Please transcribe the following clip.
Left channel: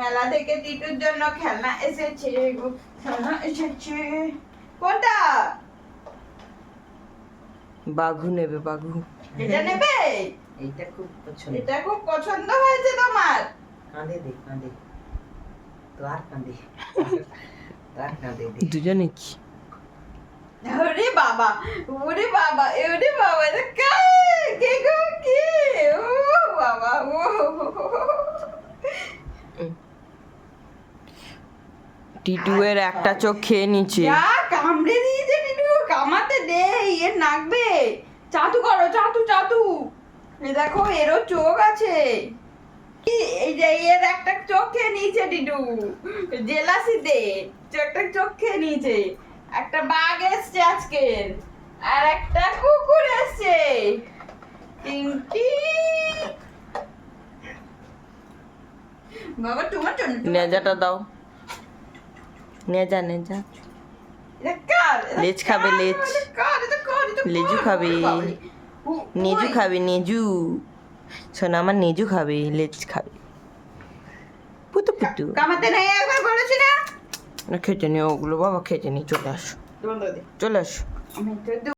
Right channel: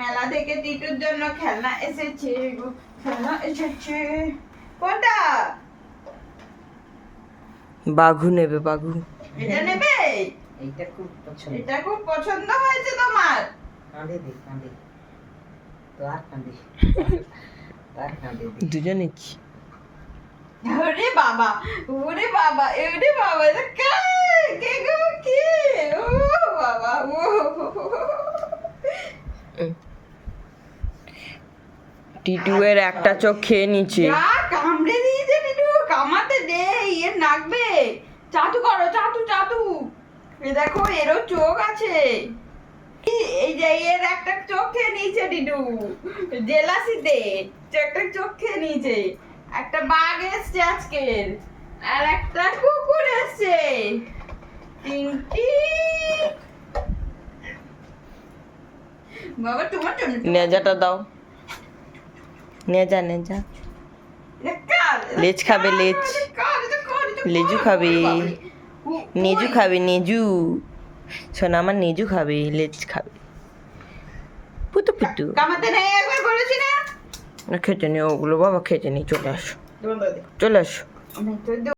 মেলা থেকে টিটুর জন্য খেলনা এসেছে গো, খেলনা এসেছে। কোনটা? বাঘু নেবে, বাঘু। এটা নেবে? এইটা খুব পছন্দ। এটা খুব পছন্দ হয়েছে তোমার? কাঁদে দে, কাঁদে তো, আর কাঁদে আর কাঁদে দে। দুজনে কি? ওরে বাবা, ওরে বাবা, ওরে বাবা, এটা কে? কে গো, কে? ও বাবা, ও টিটুয়ের একটা চোখ খেয়ে নিচ্ছে। যা কামড়ে দিয়েছে টিটু, কামাতে দে, ইয়ে নাকবে। চাটু করো, চাটু চাটু। এ দেখো, এরও চোখ আছে। এই যে এর একটা চোখ খেয়ে নিয়েছে টিটু, জেলাসিতে একটা চোখ খেয়ে নিয়েছে। একটা বাঘ এসছে আজকে, আর একটা কুকুর এসছে। তিনটি। বাবা তোমার জন্য নেজাটা দাও, নেজা নেজা। লেজ খাবে, লেজ। লেজু খাবে, নেজু খাবে, নেজু। শোনা আমার নেজু খাবে, লেজ খাবে। পুতু পুতু। কামাতে নেই, একবার বলেছি না। খেতে নি ওগুলো, বাবা খেতে নি, চলে আসো, দোল দে। চলে আসো। আমি তো